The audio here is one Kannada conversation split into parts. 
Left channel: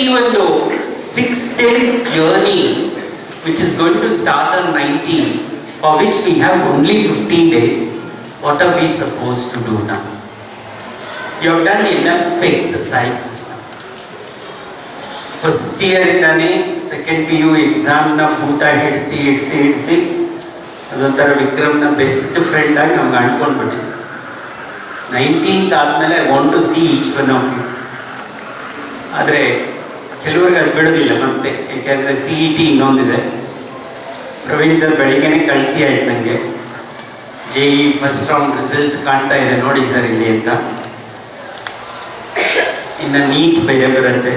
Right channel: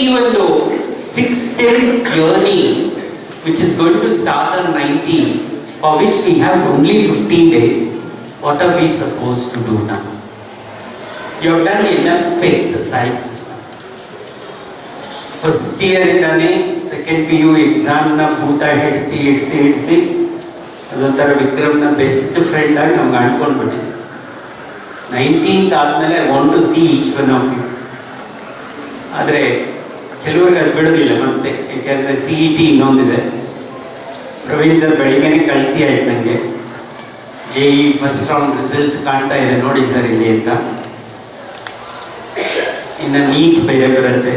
ಈ ಒಂದು 6 days journey which is going to start on 19, for which we have only 15 days, what are we supposed to do now? You have done enough exercises now. First year ಇಂದಾನೆ ಸೆಕೆಂಡ್ PU ಎಕ್ಸಾಮ್ನ ಭೂತ ಹಿಡಿಸಿ ಅದೊಂಥರ ವಿಕ್ರಮ್ನ ಬೆಸ್ಟ್ ಫ್ರೆಂಡ್ ಆಗಿ ನಮ್ಗೆ ಅಂಟ್ಕೊಂಡ್ಬಿಟ್ಟಿದೆ. 19th ಆದಮೇಲೆ I want to see each one of you. ಆದರೆ ಕೆಲವ್ರಿಗೆ ಅದು ಬಿಡೋದಿಲ್ಲ ಮತ್ತೆ, ಯಾಕೆಂದರೆ CET ಇನ್ನೊಂದಿದೆ. ಪ್ರವೀಣ್ ಸರ್ ಬೆಳಿಗ್ಗೆನೇ ಕಳಿಸಿ ಆಯ್ತು ನನಗೆ, JEE ಫಸ್ಟ್ ರೌಂಡ್ ರಿಸಲ್ಟ್ಸ್ ಕಾಣ್ತಾ ಇದೆ ನೋಡಿ ಸರ್ ಇಲ್ಲಿ ಅಂತ. ಇನ್ನು ನೀಟ್ ಬೇರೆ ಬರುತ್ತೆ.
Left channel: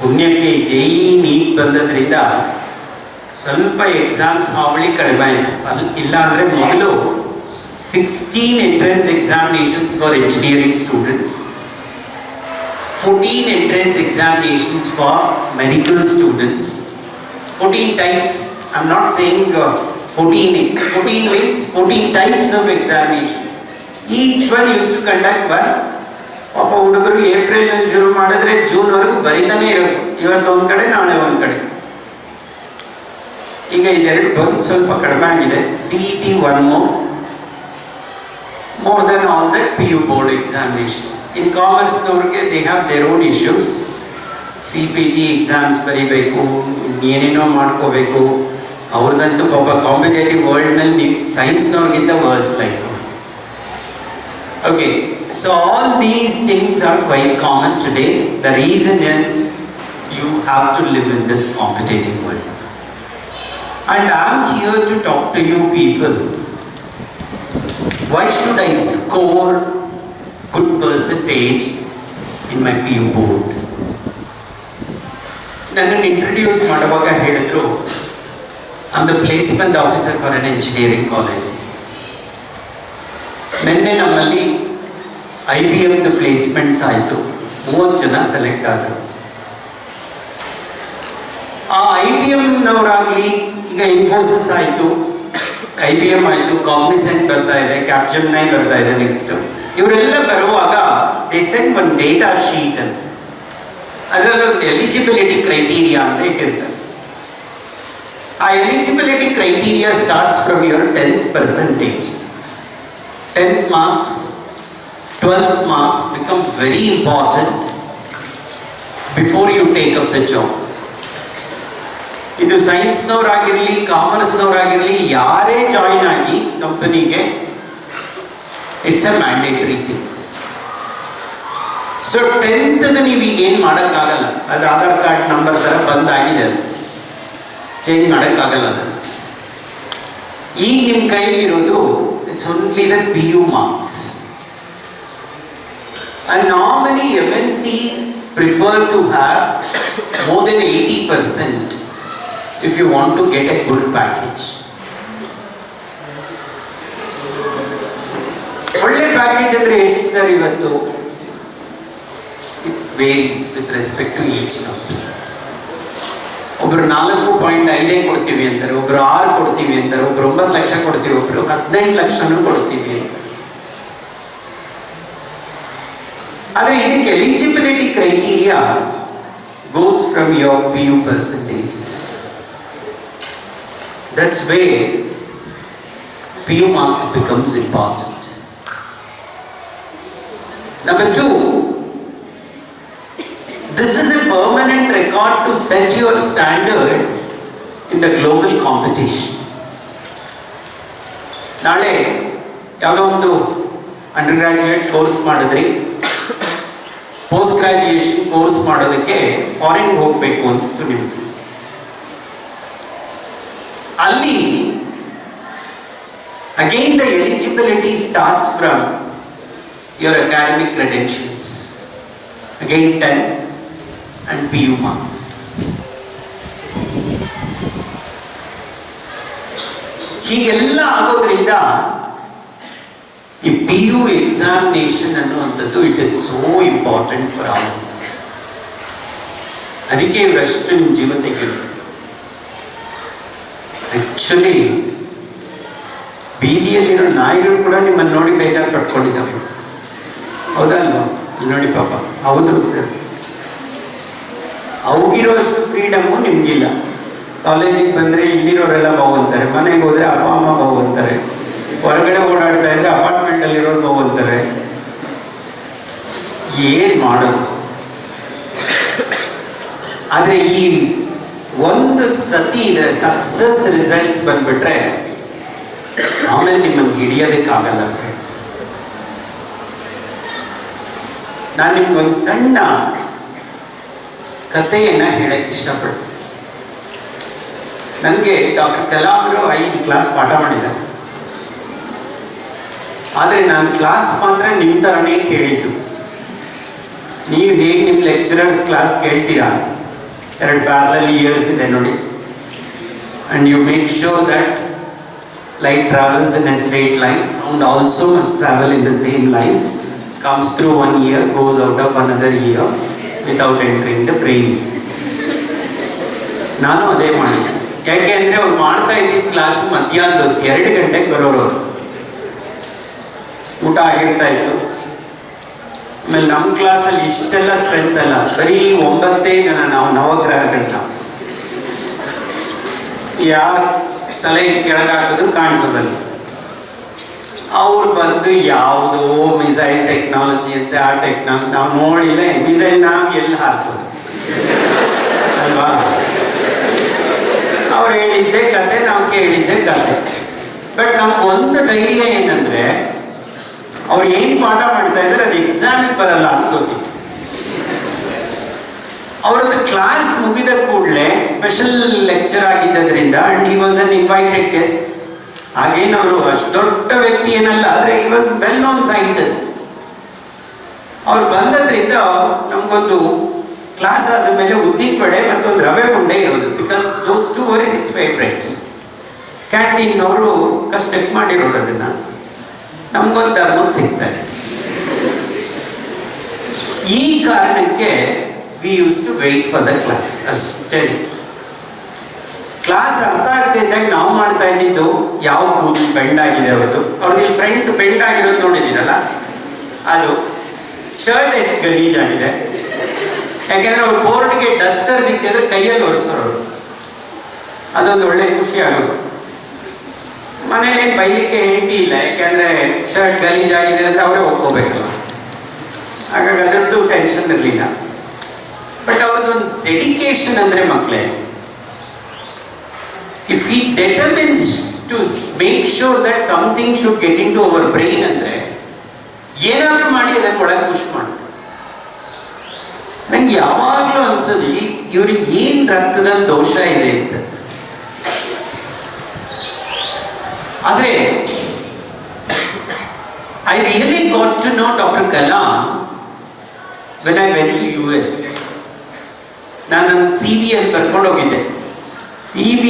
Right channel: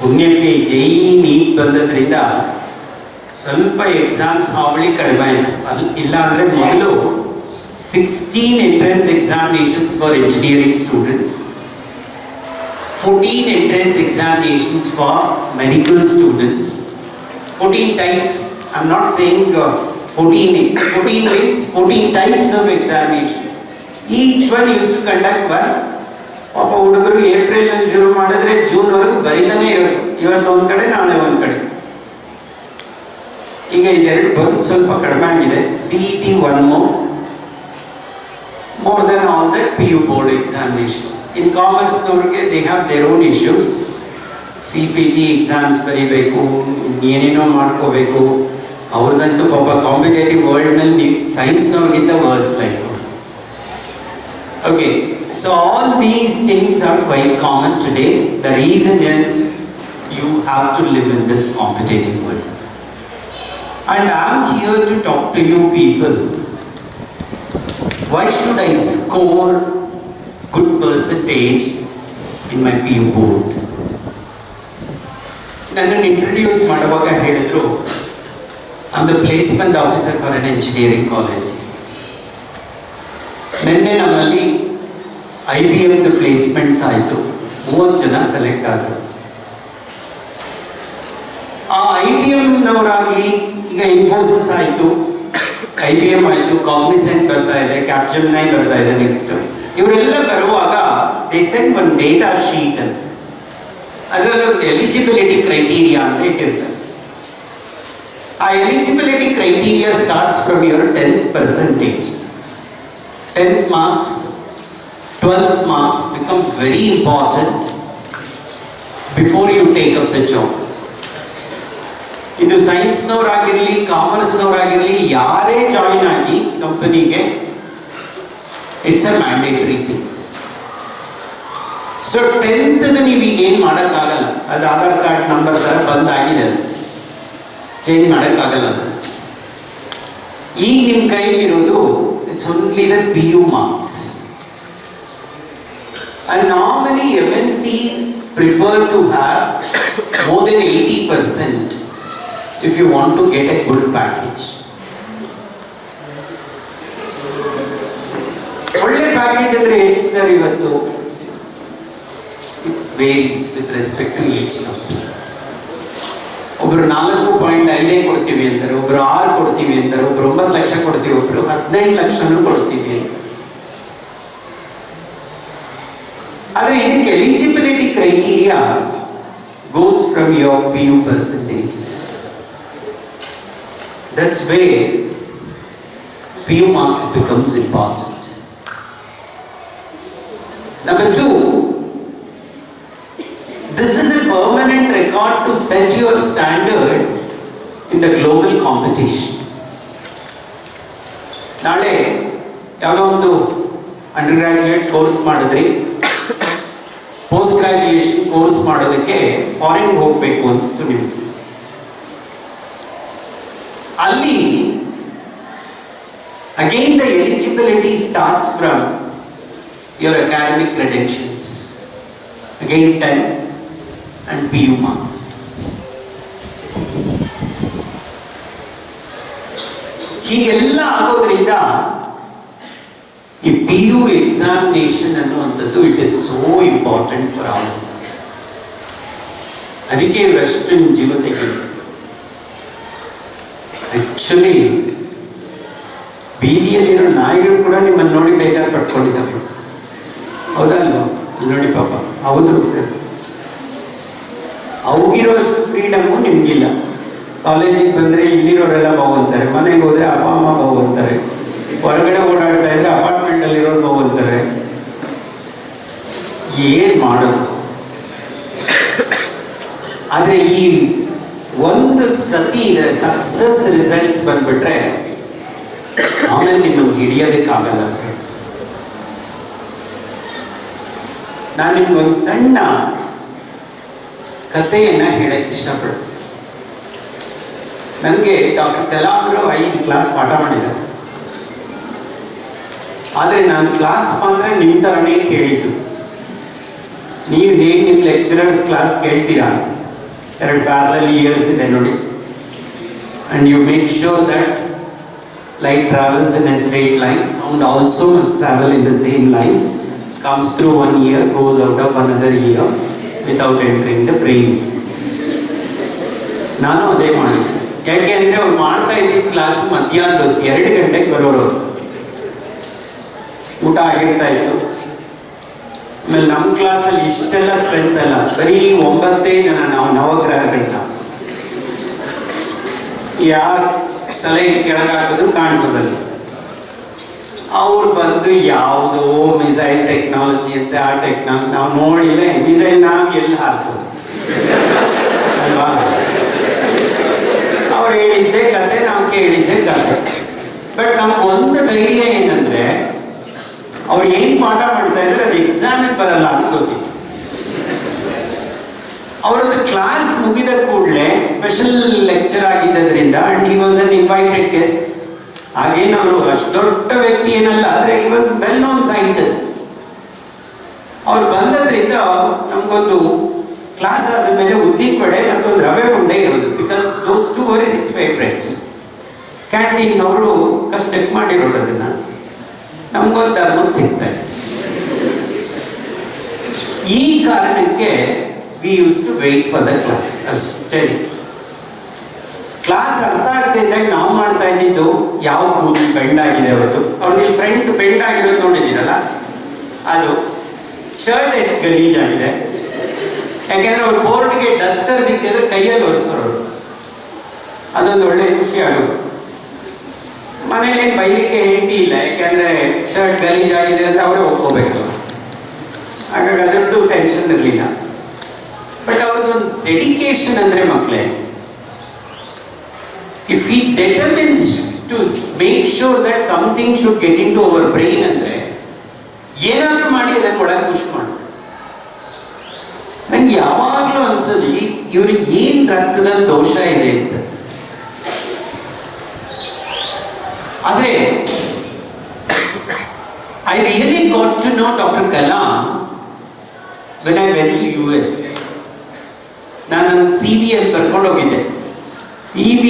ಪುಣ್ಯಕ್ಕೆ JEE ನೀಟ್ ಬಂದದ್ರಿಂದ ಸ್ವಲ್ಪ ಎಕ್ಸಾಮ್ಸ್ ಹಾವಳಿ ಕಡಿಮೆ ಆಯಿತು. ಇಲ್ಲ ಅಂದರೆ ಮೊದಲು 16 entrance examinations for engineering students, 14 entrance examinations for medical students, 14 types. I'm not saying 14 means 14 types of examinations. Each one used to conduct one. ಪಾಪ ಹುಡುಗರು ಏಪ್ರಿಲ್ನಲ್ಲಿ ಶುರು ಮಾಡಿದ್ರೆ ಜೂನ್ವರೆಗೂ ಬರೀತಾನೆ ಇರೋದು. ಇವತ್ತು ಒಂದು ಕಡೆ, ನಾಳೆ ಒಂದು ಕಡೆ. ಈಗ ಇದೆರಡು ಬಂದು ಸ್ವಲ್ಪ ಕಡಿಮೆ ಆಗಿದೆ. CET one more than all that PU board examination. In commerce ನವ್ರಿಗೆ they have their own issues. CPT exams ಬರೀಬೇಕು, ಏನೇನೋ ಮಾಡ್ಕೋಬೇಕು. ಅವ್ರದ್ದಂತೂ ಪಾಪ ಕಾಂಪಿಟೇಟಿವ್ ವರ್ಲ್ಡ್ನಲ್ಲಿ ಸೈನ್ಸ್ನವ್ರಿಗಿಂತ worse life. Okay, so all these things are quite common today. The reason is you have to live in this competitive world. And I am here to talk to you people. Why should I score good percentage in my PU board? ನನ್ನನ್ನು ಇಂಟ್ರೊಡ್ಯೂಸ್ ಮಾಡುವಾಗ ಹೇಳಿದ್ರು, I am the placement officer for an engineering college. ನಿನ್ನೆ ನಮ್ಮಲ್ಲಿ IBM ಪ್ಲೇಸ್ಮೆಂಟ್ಸ್ ಆಯಿತು, 30 ಜನ ಸೆಲೆಕ್ಟ್ ಆದರು. ಆ IBMನವರಾಗಲಿ, ಈಗ ಇನ್ಫೋಸಿಸ್ ಆಯಿತು, IBM ಆಯಿತು, ಕಾಗ್ನಿಸೆಂಟ್ ಬರ್ತಾ ಇದೆ, ಕ್ಯಾಪ್ಜೆಮಿನೈ ಬರ್ತಾ ಇದೆ ನೆಕ್ಸ್ಟ್. ಇವರೆಲ್ಲ ಬರುವಾಗ ದೇ ಸೆಂಡ್ ಒಂದು ಡೇಟಾ ಶೀಟ್ ಅಂತ, ಅದರಲ್ಲಿ ಒಂದು ಎಲಿಜಿಬಿಲಿಟಿ ಕ್ರೈಟೀರಿಯಾ ಅಂತ ಇಟ್ಟಿರ್ತಾರೆ. ಆ eligibility criteria starts from your 10th percentage. 10th marks, 12th marks become very important before you take up the job. ಇದು ಸೈನ್ಸ್ನವರಾಗಿರಲಿ, ಕಾಮರ್ಸ್ನವರಾಗಿರಲಿ, ಯಾರೇ ಜಾಯಿನ್ ಆಗಿ ಕಂಪನಿಗೆ it's a mandatory thing. So 10th ನೀವೀಗ ಏನು ಮಾಡೋಕ್ಕಾಗಲ್ಲ, ಅದು ಆಧಾರ್ ಕಾರ್ಡ್ ನಂಬರ್ ಥರ ಬಂದಾಗಿದೆ, ಅದು ಚೇಂಜ್ ಮಾಡೋಕ್ಕಾಗಲ್ಲ. ಅದನ್ನು ಈಗ ನಿಮ್ಮ ಕೈಲಿರೋದು it's only the PU marks. And normally MNCs prefer to have more than 80% if you want to get a good package. ಒಳ್ಳೆ ಪ್ಯಾಕೇಜ್ ಅಂದರೆ ಎಷ್ಟು ಸರ್ ಇವತ್ತು? It varies with respect to each company. ಒಬ್ರು 4.5 ಕೊಡ್ತೀವಿ ಅಂತಾರೆ, ಒಬ್ರು 6 ಕೊಡ್ತೀವಿ ಅಂತಾರೆ, ಒಬ್ರು 9 ಲಕ್ಷ ಕೊಡ್ತೀವಿ, ಒಬ್ರು 18 ಲಕ್ಷನೂ ಕೊಡ್ತೀವಿ ಅಂತ. ಆದರೆ ಇದಕ್ಕೆ eligibility criteria goes from your PU percentages. That's where PU marks becomes important. Number 2, this is a permanent record to set your standards in the global competition. ನಾಳೆ ಯಾವುದೋ ಒಂದು ಅಂಡರ್ ಗ್ರಾಜ್ಯುಯೇಟ್ ಕೋರ್ಸ್ ಮಾಡಿದ್ರಿ, ಪೋಸ್ಟ್ ಗ್ರಾಜ್ಯುಯೇಷನ್ ಕೋರ್ಸ್ ಮಾಡೋದಕ್ಕೆ ಫಾರಿನ್ ಹೋಗಬೇಕು ಅನಿಸ್ತು ನಿಮಗೆ. ಅಲ್ಲಿ again the eligibility starts from your academic credentials, again 10 and PU marks. ಹೀಗೆಲ್ಲ ಆಗೋದ್ರಿಂದ ಈ PU ಎಕ್ಸಾಮಿನೇಷನ್ ಅನ್ನುವಂಥದ್ದು it is so important for all of us. ಅದಕ್ಕೆ ಇವರಷ್ಟು ನಿಮ್ಮ ಜೀವ ತೆಗೆದು ಆ್ಯಕ್ಚುಲಿ ಬೀದಿಯಲ್ಲಿರೋ ನಾಯಿಗಳು ಕೂಡ ನಿಮ್ಮನ್ನು ನೋಡಿ ಬೇಜಾರು ಪಟ್ಕೊಂಡಿದ್ದಾವೆ, ಹೌದಲ್ವ? ಇಲ್ಲಿ ನೋಡಿ ಪಾಪ, ಹೌದು ಸರ್, ಅವ್ರಿಗಿರೋಷ್ಟು ಫ್ರೀಡಮ್ಮು ನಿಮಗಿಲ್ಲ. ಕಾಲೇಜಿಗೆ ಬಂದರೆ ಇಲ್ಲಿರೋರೆಲ್ಲ ಬಾವು ಅಂತಾರೆ, ಮನೆಗೆ ಹೋದರೆ ಅಪ್ಪ ಅಮ್ಮ ಬಾವು ಅಂತಾರೆ, ಹೊರಗಡೆ ಓಡಾಡ್ತಾ ಇದ್ರೆ ಅಪಾರ್ಟ್ಮೆಂಟಲ್ಲಿರೋರು ಬಾವು ಅಂತಾರೆ. ಏನು ಮಾಡೋದು? ಆದರೆ ಈ ಒಂದು ಸತಿ ಇದರ ಸಕ್ಸಸ್ ರಿಸಲ್ಟ್ಸ್ ಬಂದ್ಬಿಟ್ರೆ ಆಮೇಲೆ ನಿಮ್ಮನ್ನು ಹಿಡಿಯೋದಕ್ಕಾಗಲ್ಲ ಫ್ರೆಂಡ್ಸ್. ನಾನು ನಿಮ್ಗೊಂದು ಸಣ್ಣ ಕಥೆಯನ್ನು ಹೇಳಕ್ಕೆ ಇಷ್ಟಪಡ್ತೀನಿ. ನನಗೆ ಡಾಕ್ಟರ್ ಕಲಾಮರು 5 ಕ್ಲಾಸ್ ಪಾಠ ಮಾಡಿದ್ದಾರೆ. ಆದರೆ ನಾನು ಕ್ಲಾಸ್ ಮಾತ್ರ ನಿಮ್ಮ ಥರನೇ ಕೇಳಿದ್ದು. ನೀವು ಹೇಗೆ ನಿಮ್ಮ ಲೆಕ್ಚರರ್ಸ್ ಕ್ಲಾಸ್ ಕೇಳ್ತೀರಾ, 2 ಪ್ಯಾರಲಲ್ ಇಯರ್ಸ್ ಇದೆ ನೋಡಿ, and you make sure that light travels in a straight line, sound also must travel in the same line, comes through one ear, goes out of another ear without entering the brain system. ನಾನು ಅದೇ ಮಾಡಿದ್ದೆ. ಯಾಕೆ ಅಂದರೆ ಅವ್ರು ಮಾಡ್ತಾ ಇದ್ದಿದ್ದ ಕ್ಲಾಸು ಮಧ್ಯಾಹ್ನದ ಹೊತ್ತು 2 ಗಂಟೆಗೆ ಬರೋರು. ಊಟ ಆಗಿರ್ತಾ ಇತ್ತು. ಆಮೇಲೆ ನಮ್ಮ ಕ್ಲಾಸಲ್ಲಿ ಇಷ್ಟೆಲ್ಲ ಸ್ಟ್ರೆಂತ್ ಅಲ್ಲ, ಬರೀ 9 ಜನ ನಾವು ನವಗ್ರಹಗಳನ್ನ. ಯಾರು ತಲೆ ಕೆಳಗಾಕಿದ್ರು ಕಾಣಿಸೋದಲ್ಲಿ. ಅವ್ರು ಬಂದು ಯಾವುದೋ ಮಿಸೈಲ್ ಟೆಕ್ನಾಲಜಿ ಅಂತ, ಆ ಟೆಕ್ನಾಲಜಿ ನಾವು ನೋಡಿಲ್ಲ. ಮಿಸೈಲ್ ನಾವು ಎಲ್ಲಿ ಹಾರಿಸೋದು ಅಲ್ವಾ? ಅವ್ರು ಹೇಳಿದ್ದೆ ಕತೆ, ನಾವು ಕೇಳಿದ್ದೆ ಕತೆ. ಬಟ್ ನಮ್ಗೊಂದು ಧೈರ್ಯ ಏನಂದ್ರೆ, ಅವ್ರು ಏನು ಪಾಠ ಮಾಡ್ತಾ ಇದ್ದಾರೆ ಅದು ಎಕ್ಸಾಮಿಗೆ ಬರಲ್ಲ ಅಂತ ಗೊತ್ತಿತ್ತು. ಅವರದ್ದು ಕ್ಲಾಸ್ ಮುಗಿದ ಕೂಡಲೇ ಸ್ಪೆಷಲ್ ಲೆಕ್ಚರ್ ಆಗಿದ್ದರಿಂದ, and he was an invited guest. ಹಾಗೇನು ಅವರು ಅಷ್ಟು ದೊಡ್ಡ ವ್ಯಕ್ತಿ ಏನಲ್ಲ, ಆದರೆ he was well known scientist. ಅವ್ರು ಬಂದದ್ರಿಂದ ನಮಗೊಂದು ಕ್ಲಾಸ್ ಆದ ಮೇಲೆ ಉದ್ದಿನ ವಡೆ ಮತ್ತೊಂದು ರವೆ ಉಂಡೆ ಇರೋದು, because those 2 were his favourites. ಕ್ಯಾಂಟೀನ್ನವರು ಕಷ್ಟಕ್ಕೆ ಮಾಡಿರೋದು ಅದನ್ನು ನಮಗೊಂದು ಧರ್ಮಕ್ಕೆ ಸಿಗ್ತಾ ಇತ್ತು. ಈ ಕಾರಣಕ್ಕೆ we used to wait for the class ಅಷ್ಟೇ. ಕ್ಲಾಸ್ ಅರ್ಥ ಆಗ್ತಾ ಇದ್ದಾಗ ನಾವು ಮಾಡ್ತಾ ಇದ್ದಿದ್ದು, ಯಾವ ಕೂದಲು ಬೆಂಡ್ ಆಗಿದೆ ಅವತ್ತು, ಅವ್ರದ್ದು ಫ್ರಂಟ್ ಬೆಂಡ್ ಆಗಿರೋದು ನೋಡಿದ್ದೀರಲ್ಲ, ಅದು ಶರ್ಟ್ ಎಷ್ಟು ಗಲೀಜಾಗಿದೆ. ಯಾಕೆಂದ್ರೆ ಅವ್ರ ಬೋರ್ಡ್ಗೆ ಡಸ್ಟರ್ ಸಿಕ್ತಿದ್ರೆ ಕೈಯಲ್ಲಿ ಒರೆಸೋರು. ಅದೊಂದು ಒಳ್ಳೆ ಖುಷಿ ಆಗೋದು. ಮನೇಲೇನು ಬೈಲಿಕ್ಕೆ ಹೆಂಡತಿ ಇಲ್ಲ, ಯಾಕೆಂದ್ರೆ ಶರ್ಟ್ ಗಲೀಜಾಗಿದೆ ಅಂದರೆ ಅವರೇ ಹೋಗ್ಕೋಬೇಕಲ್ಲ, ಹಾಗಾಗಿ ಅದರದ್ದು ಟೆನ್ಷನ್ ಇರಲಿಲ್ಲ. ಬಟ್ ಅವ್ರದ್ದೊಂದು ಡೆಡಿಕೇಶನ್ ಅಂದರೆ ಮಕ್ಕಳೇ, if he determines to make sure that something should get into our brain ಅಂದರೆ ಏನಾದರೂ ಮಾಡಿ ಅದನ್ನು ಒಳಗೆ ಪುಷ್ ಮಾಡಿ. ನಂಗೆ ಯಾವಾಗಲೂ ಅನ್ಸೋದು, ಇವ್ರಿಗೆ ಏನು ರಕ್ತದಲ್ಲಿ ದೋಷ ಇದೆ ಅಂತ. ಆದರೆ I really got to know doctor Kalam when I went to US. ನಾನು ನನ್ನ CV ಅಲ್ಲಿ ಬರ್ಕೊಂಡು ಹೋಗಿದ್ದೆ. CV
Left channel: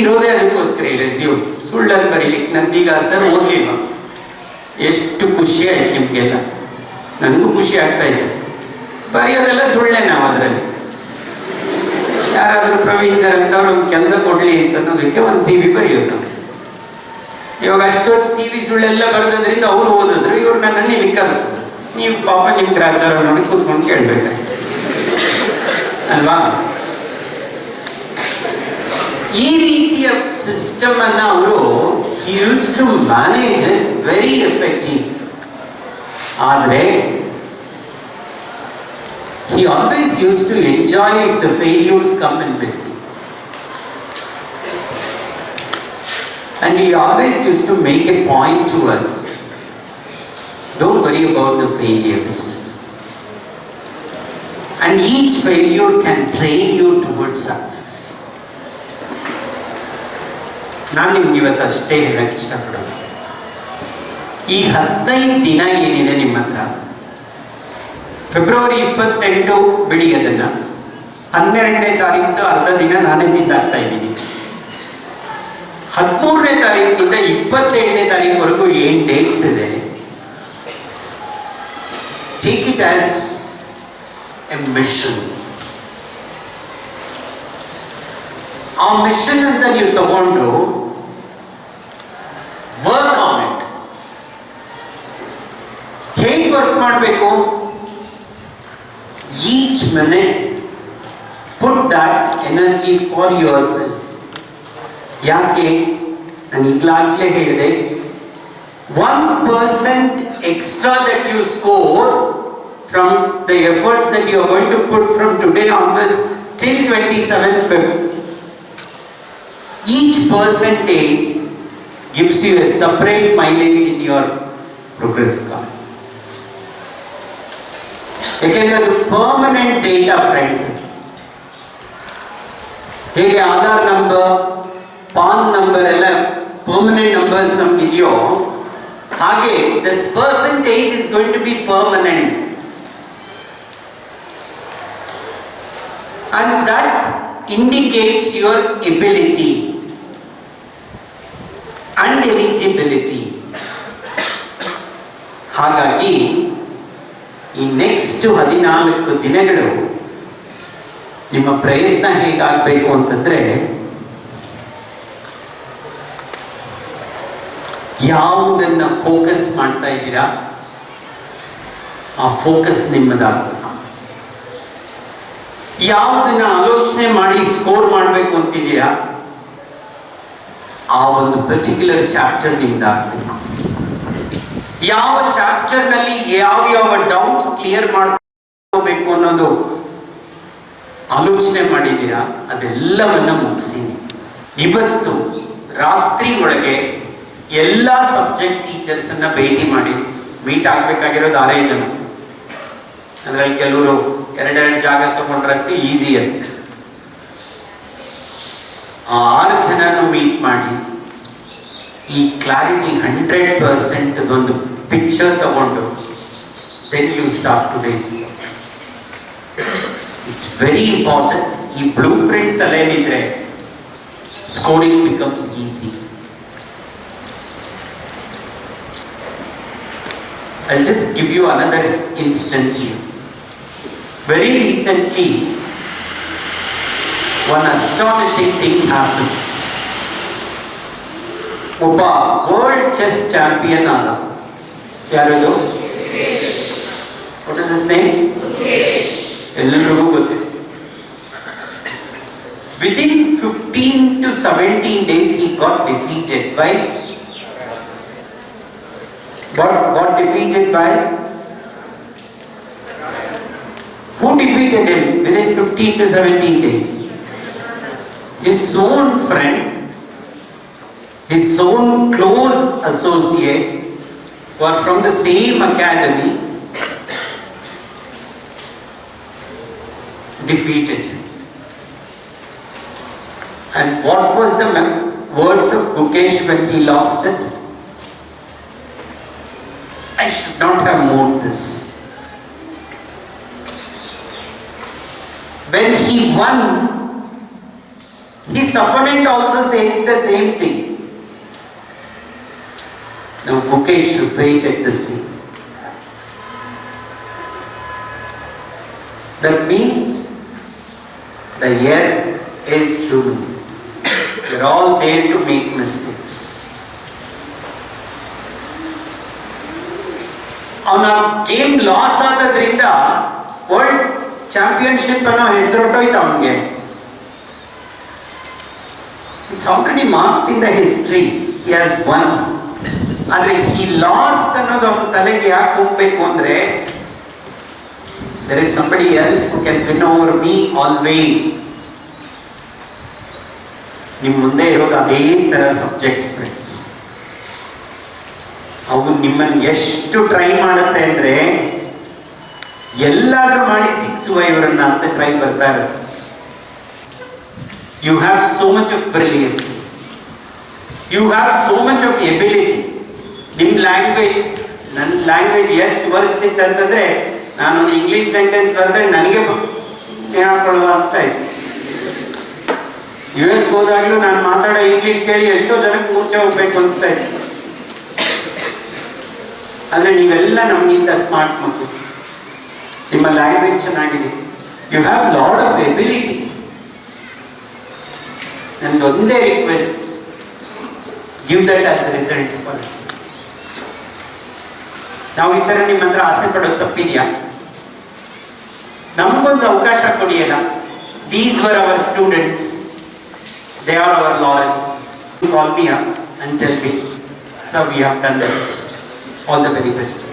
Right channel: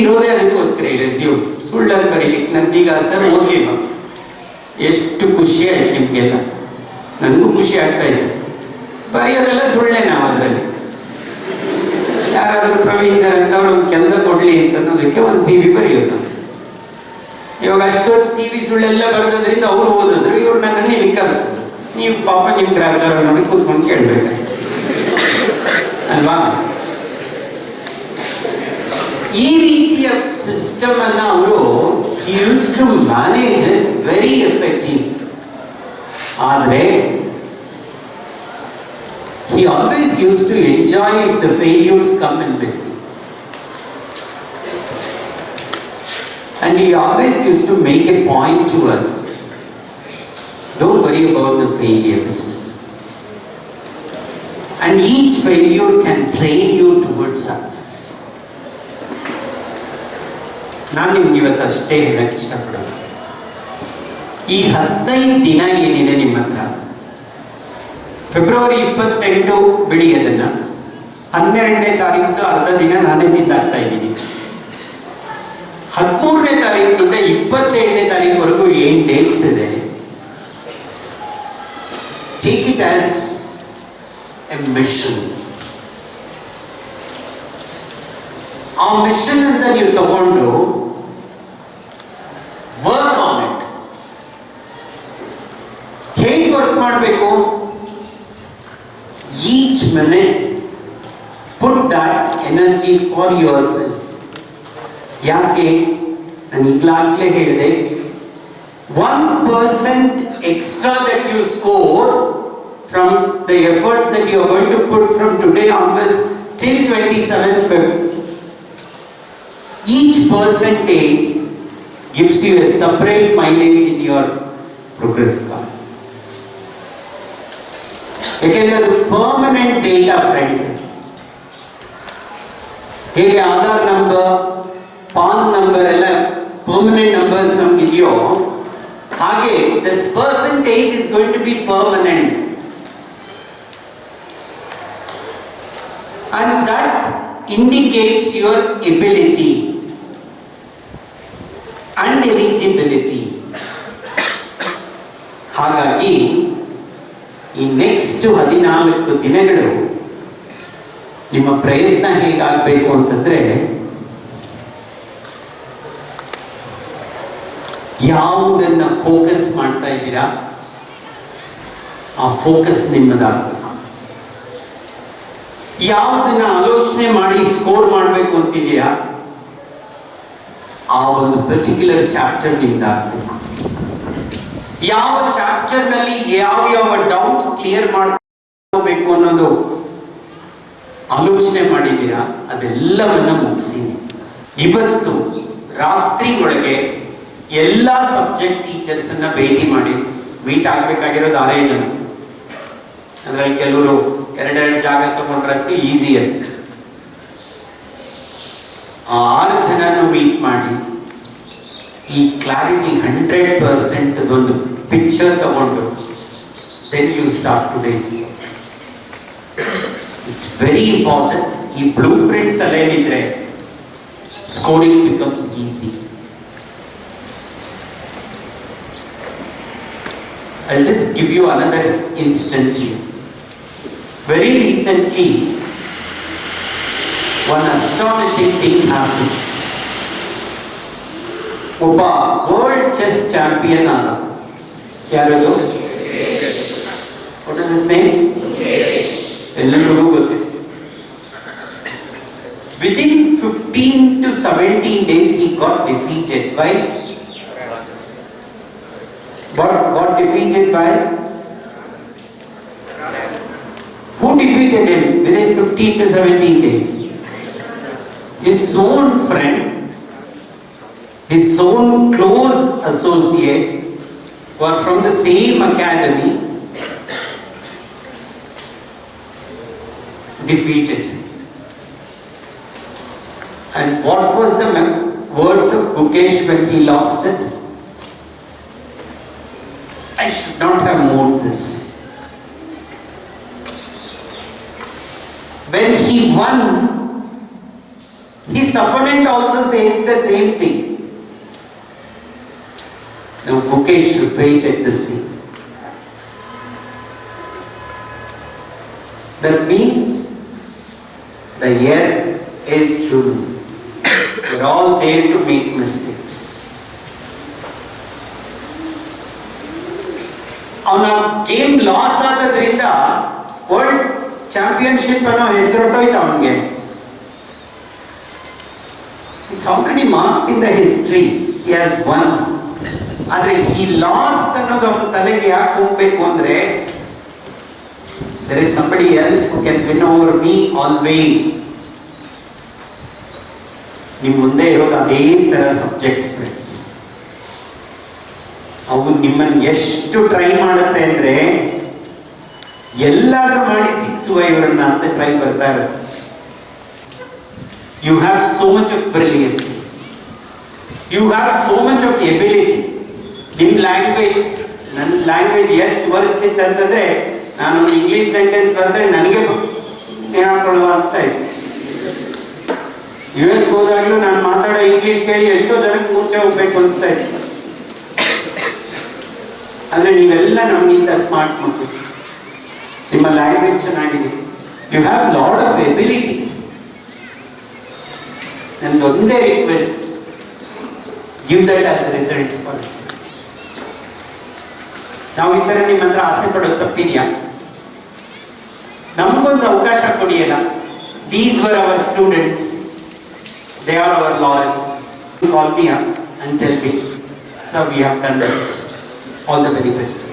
ಇರೋದೇ ಅದಕ್ಕೋಸ್ಕರ, ಈ ರೆಸ್ಯೂಮ್ ಸುಳ್ಳಲ್ಲಿ ಬರೀಲಿಕ್ಕೆ. ನಂದೀಗ ಸರ್ ಓದಲಿಲ್ಲ. ಎಷ್ಟು ಖುಷಿ ಆಯ್ತು ನಿಮಗೆಲ್ಲ, ನನಗೂ ಖುಷಿ ಆಗ್ತಾ ಇತ್ತು. ಬರೆಯೋದೆಲ್ಲ ಸುಳ್ಳೆ. ನಾವು ಅದರಲ್ಲಿ ಯಾರಾದರೂ ಪ್ರವೀಣ್ ಸರ್ ಅಂತ ಅವ್ರು ಕೆಲಸ ಕೊಡಲಿ ಅಂತ ಅನ್ನೋದಕ್ಕೆ ಒಂದು CV ಬರೆಯೋದು. ಇವಾಗ ಅಷ್ಟೊಂದು CV ಸುಳ್ಳೆಲ್ಲ ಬರೆದ್ರಿಂದ ಅವ್ರು ಓದಿದ್ರು, ಇವ್ರು ನನ್ನನ್ನು ಇಲ್ಲಿ ಕರೆಸಿದ್ರು. ನೀವು ಪಾಪ ನಿಮ್ಮ ಗ್ರಾಚಾರ ನೋಡಿ ಕೂತ್ಕೊಂಡು ಕೇಳಬೇಕಾಯ್ತು ಅಲ್ವಾ? ಈ ರೀತಿಯ ಸಿಸ್ಟಮ್ ಅನ್ನು ಅವರು use to manage it very effective. ಆದರೆ he always used to enjoy if the failures come in between, and he always used to make a point to us, don't worry about the failures, and each failure can train you towards success. ನಾನು ನಿಮ್ಗೆ ಇವತ್ತು ಅಷ್ಟೇ ಹೇಳಕ್ಕೆ ಇಷ್ಟಪಡೋದು. ಈ 15 ದಿನ ಏನಿದೆ ನಿಮ್ಮ ಹತ್ರ, ಫೆಬ್ರವರಿ 28 ಬಿಡಿ, ಅದನ್ನು 12ನೇ ತಾರೀಕು ಅರ್ಧ ದಿನ ನಾನೇ ತಿಂದಾಗ್ತಾ ಇದ್ದೀನಿ. 13ನೇ ತಾರೀಕಿನಿಂದ 27ನೇ ತಾರೀಕುವರೆಗೂ ಏನು ಡೇಟ್ಸ್ ಇದೆ, take it as a mission. ಆ ಮಿಷನ್ ಅಂತ ನೀವು ತಗೊಂಡು ವರ್ಕ್ ಆನ್ ಇಟ್. ಹೇಗೆ ವರ್ಕ್ ಮಾಡಬೇಕು? Each minute Put that energy for yourself. ಯಾಕೆ ನಾನು ಈಗಲಾಗಲೇ ಹೇಳಿದೆ, 1% extra that you score from the efforts that you are going to put from today onwards till 27th Feb, each percentage gives you a separate mileage in your progress card. ಯಾಕೆಂದ್ರೆ ಅದು ಪರ್ಮನೆಂಟ್ ಡೇಟಾ ಫ್ರೆಂಡ್ಸ್. ಹೇಗೆ ಆಧಾರ್ ನಂಬರ್, ಪಾನ್ ನಂಬರ್ ಎಲ್ಲ ಪರ್ಮನೆಂಟ್ ನಂಬರ್ಸ್ ನಮ್ಗಿದೆಯೋ, ಹಾಗೆ this percentage is going to be permanent. And that indicates your ability and eligibility. ಹಾಗಾಗಿ ಈ ನೆಕ್ಸ್ಟ್ 14 ದಿನಗಳು ನಿಮ್ಮ ಪ್ರಯತ್ನ ಹೇಗಾಗಬೇಕು ಅಂತಂದ್ರೆ, ಯಾವುದನ್ನ ಫೋಕಸ್ ಮಾಡ್ತಾ ಇದ್ದೀರಾ ಆ ಫೋಕಸ್ ನಿಮ್ಮದಾಗಬೇಕು. ಯಾವುದನ್ನ ಆಲೋಚನೆ ಮಾಡಿ ಸ್ಕೋರ್ ಮಾಡಬೇಕು ಅಂತಿದ್ದೀರಾ ಆ ಒಂದು ಪರ್ಟಿಕ್ಯುಲರ್ ಚಾಪ್ಟರ್ ನಿಮ್ದಾಗಬೇಕು. ಯಾವ ಚಾಪ್ಟರ್ ನಲ್ಲಿ ಯಾವ ಡೌಟ್ಸ್ ಕ್ಲಿಯರ್ ಮಾಡ್ಕೋಬೇಕು ಅನ್ನೋದು ಆಲೋಚನೆ ಮಾಡಿದ್ದೀರಾ ಅದೆಲ್ಲವನ್ನ ಮುಗಿಸಿ ಇವತ್ತು ರಾತ್ರಿ ಒಳಗೆ ಎಲ್ಲ ಸಬ್ಜೆಕ್ಟ್ ಟೀಚರ್ಸ್ ಅನ್ನ ಭೇಟಿ ಮಾಡಿ. ಮೀಟ್ ಆಗ್ಬೇಕಾಗಿರೋದು 6 ಜನ, ಅದರಲ್ಲಿ ಕೆಲವರು 2 ಜಾಗ ತಗೊಂಡ್ರಂತೂ ಈಸಿ ಅಂತ. 6 ಜನನು ಮೀಟ್ ಮಾಡಿ ಈ ಕ್ಲಾರಿಟಿ 100% ಒಂದು ಪಿಕ್ಚರ್ ತಗೊಂಡು then you start today's work. It's very important. ಈ blueprint ತಲೆಯಲ್ಲಿದ್ರೆ scoring becomes easy. I'll just give you another instance here. Very recently, one astonishing thing happened. ಒಬ್ಬ ವರ್ಲ್ಡ್ ಚೆಸ್ ಚಾಂಪಿಯನ್ ಆದ. ಯಾರದು? What is his name? ಎಲ್ಲರಿಗೂ ಗೊತ್ತಿದೆ. Within 15 to 17 days he got defeated by got defeated by who defeated him within 15 to 17 days? His own friend, his own close associate who are from the same academy defeated him. And what was the words of Gukesh when he lost it? I should not have moved this. When he won, his opponent also said the same thing. Now Gukesh repeated the same. That means the year is human. We're all there to make mistakes. ಅವನ ಗೇಮ್ ಲಾಸ್ ಆದ್ರಿಂದ ವರ್ಲ್ಡ್ ಚಾಂಪಿಯನ್ಶಿಪ್ ಅನ್ನೋ ಹೆಸರೊಟ್ಟೋಯ್ತು ಅವನಿಗೆ. It's already marked in the history, he has one. ಆದ್ರೆ ಹಿ ಲಾಸ್ಟ್ ಅನ್ನೋದು ಅವನ ತಲೆಗೆ ಯಾಕೆ ಹೋಗ್ಬೇಕು ಅಂದ್ರೆ, there is somebody else who can win over me always. ನಿಮ್ಮ ಮುಂದೆ ಇರೋದು ಅದೇ ತರ ಸಬ್ಜೆಕ್ಟ್ಸ್ ಫ್ರೆಂಡ್ಸ್. ಅವು ನಿಮ್ಮನ್ನು ಎಷ್ಟು ಟ್ರೈ ಮಾಡುತ್ತೆ ಅಂದ್ರೆ, ಎಲ್ಲಾದ್ರೂ ಮಾಡಿ ಸಿಕ್ಸುವ ಇವರನ್ನ ಅಂತ ಟ್ರೈ ಬರ್ತಾ ಇರುತ್ತೆ. You have so much of brilliance, you have so much of ability. ನಿಮ್ಮ ಲ್ಯಾಂಗ್ವೇಜ್, ನನ್ನ ಲ್ಯಾಂಗ್ವೇಜ್ ಎಷ್ಟು ವರ್ಸ್ಟ್ ಇತ್ತು ಅಂತಂದ್ರೆ, ನಾನೊಂದು ಇಂಗ್ಲಿಷ್ ಸೆಂಟೆನ್ಸ್ ಬರೆದ್ರೆ ನನಗೆ ನೇಣಾಕೊಳ್ಳುವ ಅನಿಸ್ತಾ ಇತ್ತು. US ಹೋದಾಗ್ಲೂ ನಾನು ಮಾತಾಡೋ ಇಂಗ್ಲಿಷ್ ಕೇಳಿ ಎಷ್ಟೋ ಜನಕ್ಕೆ ಮೂರ್ಛೆ ಹೋಗ್ಬೇಕು ಅನಿಸ್ತಾ ಇತ್ತು. ಆದರೆ ನೀವೆಲ್ಲ ನಮಗಿಂತ ಸ್ಮಾರ್ಟ್ ಮಕ್ಕಳು, ನಿಮ್ಮ ಲ್ಯಾಂಗ್ವೇಜ್ ಚೆನ್ನಾಗಿದೆ, you have lot of abilities. ನಂದೊಂದೇ request, give that as results for us. ನಾವು ಈ ಥರ ನಿಮ್ಮ ಹತ್ರ ಆಸೆ ಪಡೋದು ತಪ್ಪಿದೆಯಾ? ನಮಗೊಂದು ಅವಕಾಶ ಕೊಡಿಯಲ್ಲ. These were our students. They are our Lawrence. Call me up and tell me, sir, we have done the best. All the very best.